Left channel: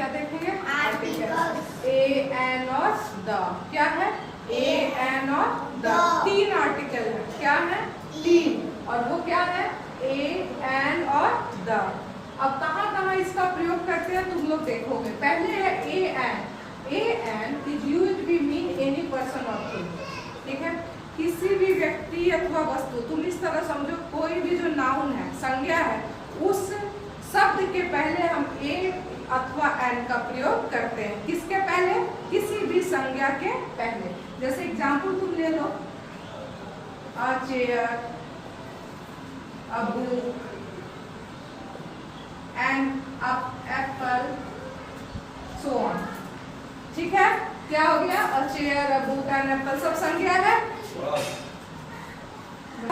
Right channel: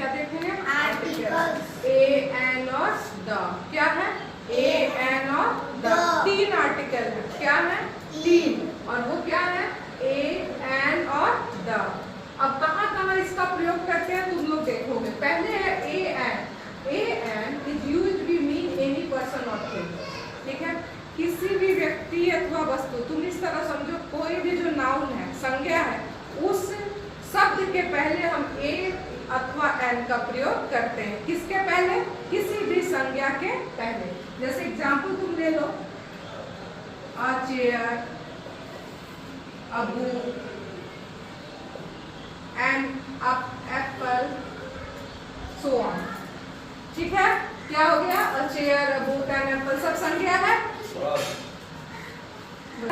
क्या देखेंगे? Article. A N और द, क्या है? ए एन और द, 3 आर्टिकल है, क्या है? 3, और वो क्या है? ए एन और द। अब कहाँ कहाँ इसका प्रयोग करते हैं तुम लोग देखोगे। पहले है a an. A an is used to mean any person or thing, ठीक है? किसी भी व्यक्ति अथवा वस्तु, तुम इस तरह समझो, कोई भी जो नाउन है, संज्ञा है, उस शब्द के पहले हम ए अथवा एन का प्रयोग करते हैं। किसके पहले? किसी भी संज्ञा के पहले। जैसे एग्जाम्पल तुम ले लो, a chair, a book, an apple, so on, ठीक है? क्या हो गया? A chair, a book, an apple, सब संज्ञा है।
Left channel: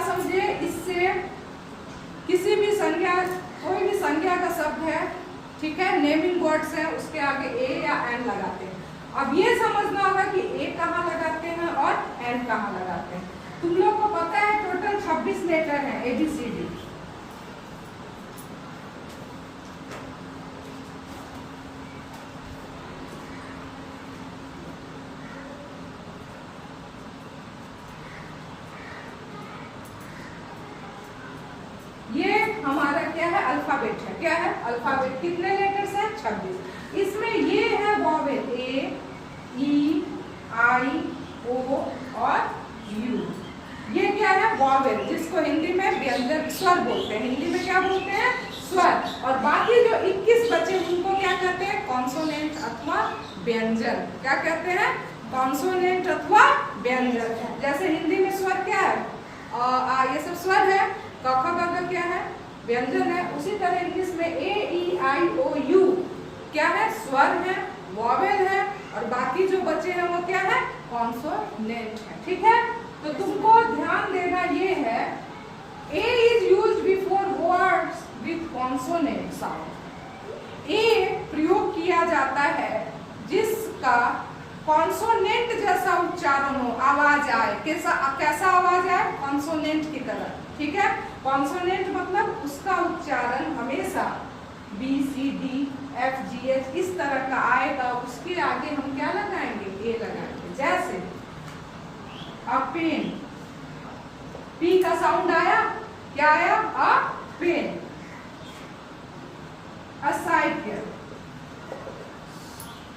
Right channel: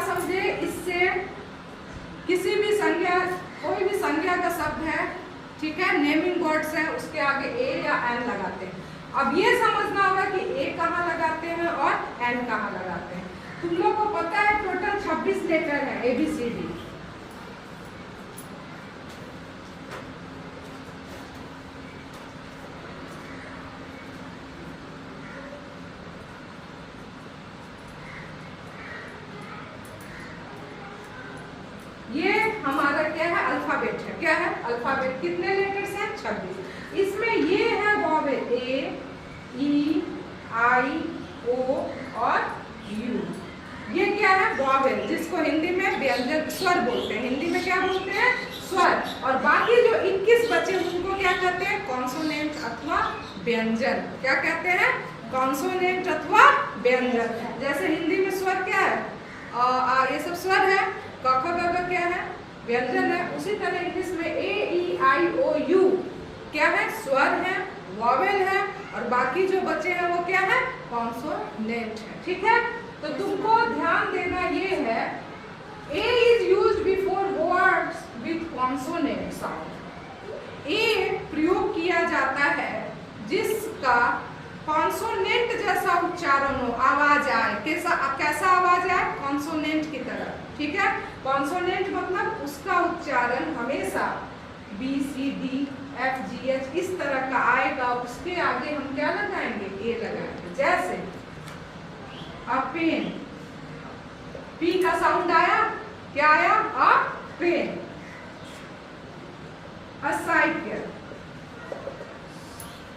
समझे? इससे किसी भी संज्ञा, कोई भी संज्ञा का शब्द है, ठीक है, नेमिंग वर्ड्स है, उसके आगे ए या एन लगाते हैं। अब ये समझना होगा कि ए कहाँ लगाते हैं और एन कहाँ लगाते हैं। तुम लोग को पता है टोटल 26 लेटर है ABCD। ये हमारा क्या है? अल्फाबेट है। क्या है? अल्फाबेट। कितने लेटर्स हैं? 26। इसमें ये है वॉवेल, ए, ई, आई, ओ और यू। ये क्या है? वॉवेल, जिसको हिंदी में व्यंजन स्वर बोलते हैं। हिंदी में क्या बोलते हैं? स्वर। और बाकी जो 21 बचे उनको क्या कहते हैं? कॉन्सोनेंट अथवा व्यंजन। क्या कहते हैं? कॉन्सोनेंट अथवा व्यंजन। जैसे हिंदी में स्वर क्या है? ये सब स्वर है। क ख ग घ क्या है? व्यंजन है। उसी तरह इंग्लिश में ए, ई, आई, ओ, यू क्या है? स्वर है, वॉवेल है, और बाकी जो बचे हैं वो क्या है? कॉन्सोनेंट है, ठीक है? तो तुमको ध्यान देना ये है, a is used before words with consonant sound. A प्रयोग किया जाता है जिसका कॉन्सोनेंट जैसा उच्चारण हो, आवाज आए। कैसा आवाज आए? कॉन्सोनेंट की तरह, ठीक है? कॉन्सोनेंट मतलब उसका उच्चारण हमेशा B, C, D, F, G, H इस तरह का आएगा। उसके आगे हम क्या लगाएंगे? ए लगाएंगे। जैसे अब पेन, पी का साउंड आया, क्या आया? अ पेन। अ साइकिल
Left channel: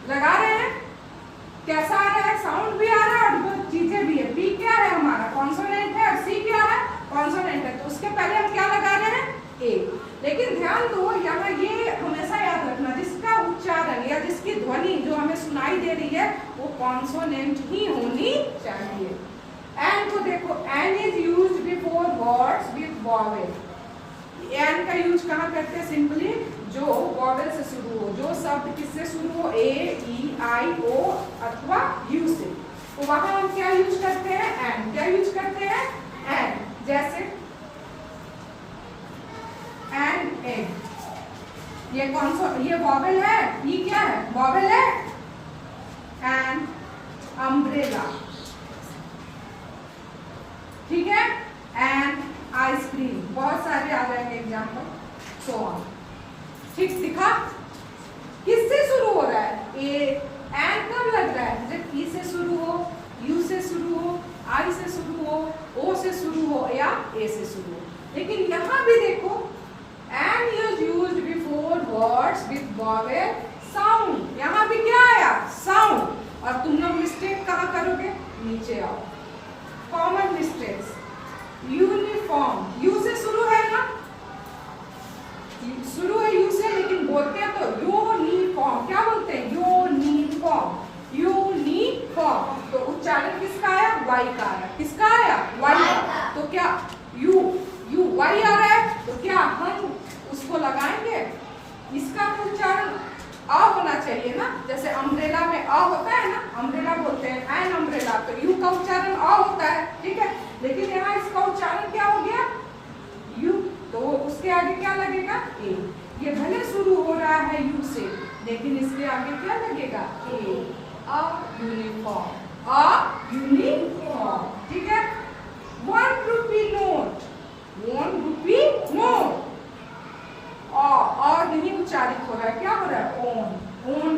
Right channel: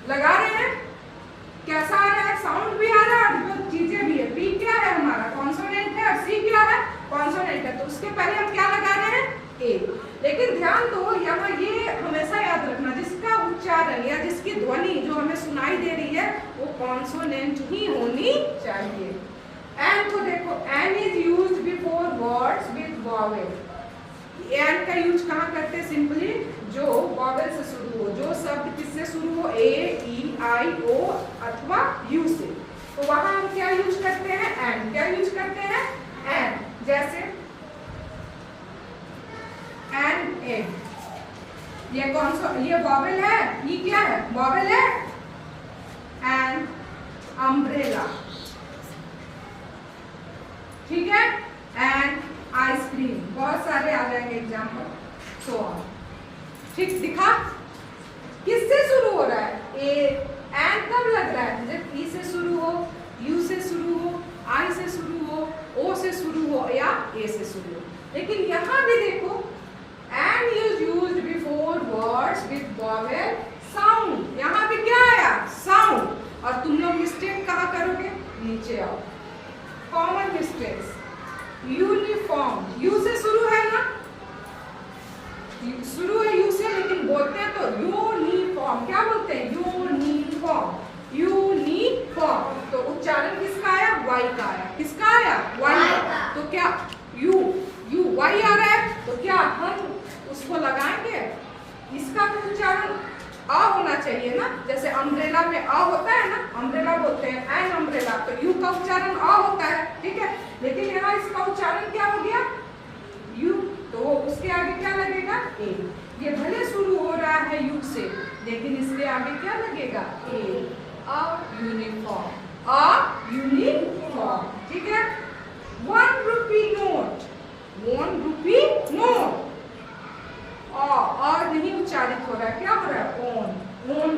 लगा रहे हैं, कैसा आ रहा है? साउंड भी आ रहा है और वो चीजें भी है। पी क्या है? हमारा कॉन्सोनेंट है, और सी क्या है? कॉन्सोनेंट है। तो उसके पहले हम क्या लगा रहे हैं? ए। लेकिन ध्यान दो, यहाँ ये हमेशा याद रखना, जिसका उच्चारण या जिसकी ध्वनि जो हमें सुनाई दे रही है वो कॉन्सोनेंट ही होनी चाहिए। एन को देखो, an is used before words with vowel. An का यूज कहाँ करते हैं? सिंपली जो वॉवेल से शुरू हो, जो शब्द किससे शुरू हो? ए, ई, आई, ओ अथवा यू से, तो वहां हम क्या यूज करते हैं? एन। क्या यूज करते हैं? एन। जैसे एन, ए, ये कौन सा? ये वॉवेल है। ई क्या है? वॉवेल है। एन, अम्ब्रेला, ठीक है? An, ice cream. बहुत सारे आ जाएंगे एग्जाम्पल, सो ऑन, ठीक? दिखा किससे शुरू हो रहा है? ए। एन कब लग रहा है? जब ई से शुरू हो, यू से शुरू हो, आई से शुरू हो, ओ से शुरू हो या ए से शुरू हो। लेकिन यहाँ भी देखो, an is used before words with vowel sound. यहाँ भी क्या आया? साउंड। और तुम लोग मिस्टेक कहाँ करोगे? नीचे आओ। कॉमन मिस्टेक्स, यूनिफॉर्म, यू से शुरू है ना, शुरू है यू से, लेकिन बोलते हैं तो यूनिफॉर्म। क्या बोलते हैं? Uniform, uniform. तो उच्चारण किसका आया? वाई का आया। किसका आया? वाई का। तो क्या यू, यू वाई आ रहा है, तो क्या हम उसको लगाएंगे? इसका उच्चारण अ होना चाहिए ना। जैसे अम्ब्रेला में अ होता है ना, अम्ब्रेला बोलते हैं, एन अम्ब्रेला, तो यू का उच्चारण अ होता है, ठीक है? लेकिन यहाँ इसका उच्चारण क्या हो गया? यू। तो उसके आगे क्या लगेगा? ए। ये भले शुरू हो रहा है यू से, लेकिन इसके आगे क्या लगेगा? ए। अ यूनिफॉर्म, अ यूनिफॉर्म, ठीक है? 1 रुपी नोट, 1 रुपी नोट। और नहीं उच्चारित हो रहा है, क्या हो रहा है? ओन, ओन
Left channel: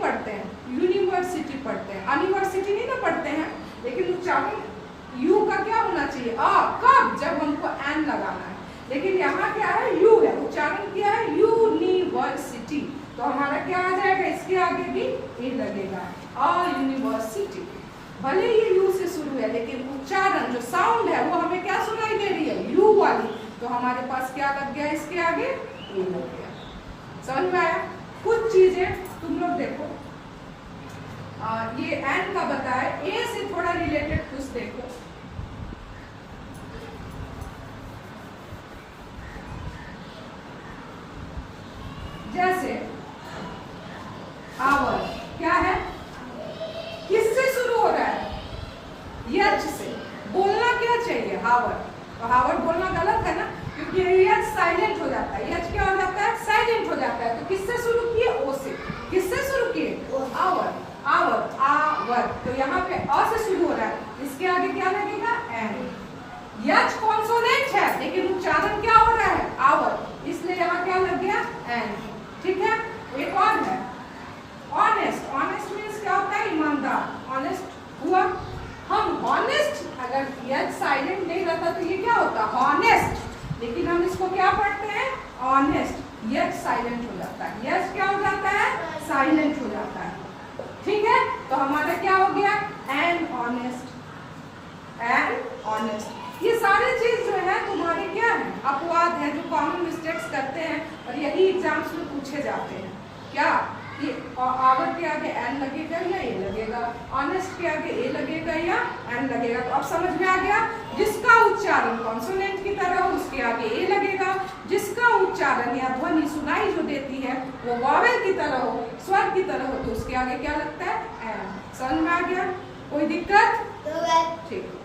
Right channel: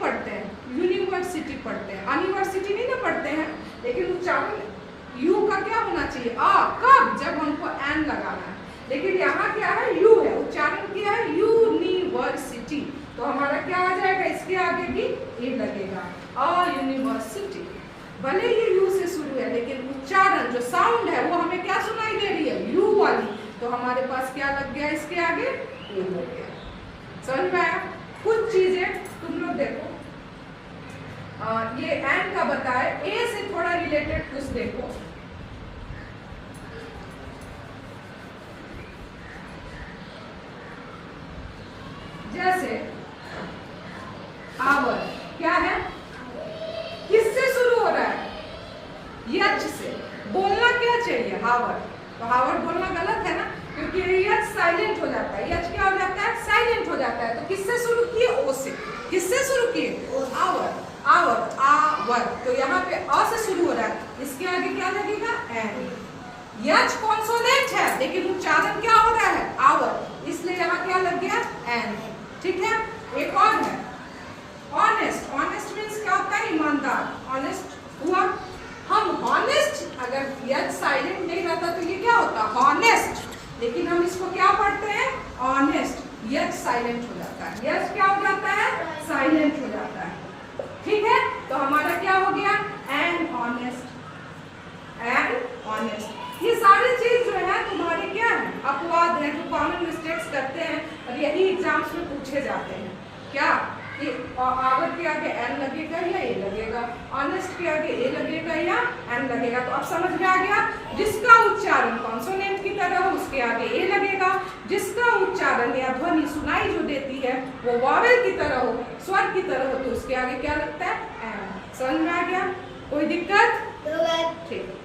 नहीं पढ़ते हैं, यूनिवर्सिटी पढ़ते हैं, यूनिवर्सिटी नहीं ना पढ़ते हैं। लेकिन उच्चारण यू का क्या होना चाहिए, कब, जब हमको एन लगाना है। लेकिन यहाँ क्या है, यू है, उच्चारण क्या है, यूनिवर्सिटी। तो हमारा क्या आ जाएगा, इसके आगे भी ए लगेगा, यूनिवर्सिटी। भले ही यू से शुरू है लेकिन उच्चारण जो साउंड है वो हमें क्या सुनाई दे रही है, यू वाली। तो हमारे पास क्या लग गया, इसके आगे ए हो गया। समझ में आया? कुछ चीजें तुम लोग देखो, ये एन का बताए, ए से थोड़ा रिलेटेड कुछ देखो। जैसे आवर क्या है, किससे शुरू हो रहा है, यच से। बोलना क्या चाहिए, हावर। तो हावर बोलना गलत है ना, क्योंकि यच साइलेंट हो जाता है, यच क्या हो जाता है, साइलेंट हो जाता है। तो किससे शुरू किए, ओ से। किससे शुरू किए, आवर, आवर, आवर। तो यहाँ पे अ से शुरू हो रहा है, इसके आगे क्या लगेगा, एन। यच कॉन्सोनेंट है लेकिन उच्चारण क्या हो रहा है, आवर, इसलिए यहाँ क्या लग गया, एन। ठीक है। एक और है ऑनेस्ट। ऑनेस्ट मीन्स क्या होता है, ईमानदार। ऑनेस्ट हुआ, हम हॉनेस्ट, अगर यच साइलेंट नहीं रहता तो ये क्या होता, हॉनेस्ट। लेकिन हम इसको क्या पढ़ते हैं, ऑनेस्ट। यच साइलेंट हो जाता है, यच क्या हो जाता है, साइलेंट हो जाता है। ठीक है। तो हमारा क्या हो गया, एन ऑनेस्ट, एन ऑनेस्ट। ये सारी चीज जो है तुम्हारी क्या है, अपवाद है जो कॉमन मिस्टेक्स करते हैं और यही एग्जाम्स में पूछे जाते हैं। क्या कि आवर के आगे एन लगेगा या ए लगेगा, ऑनेस्ट के आगे ए लगेगा या एन लगेगा। तो अब समझ में आ गया, जिसका उच्चारण कॉन्सोनेंट की तरह हो उसके आगे ए लगेगा, जिसका उच्चारण या ध्वनि सुनाई जो देती है वो वॉवेल की तरह हो, स्वर की तरह हो, तो उसके आगे क्या लगता है, एन। समझ में आ गया? कोई दिक्कत? ठीक।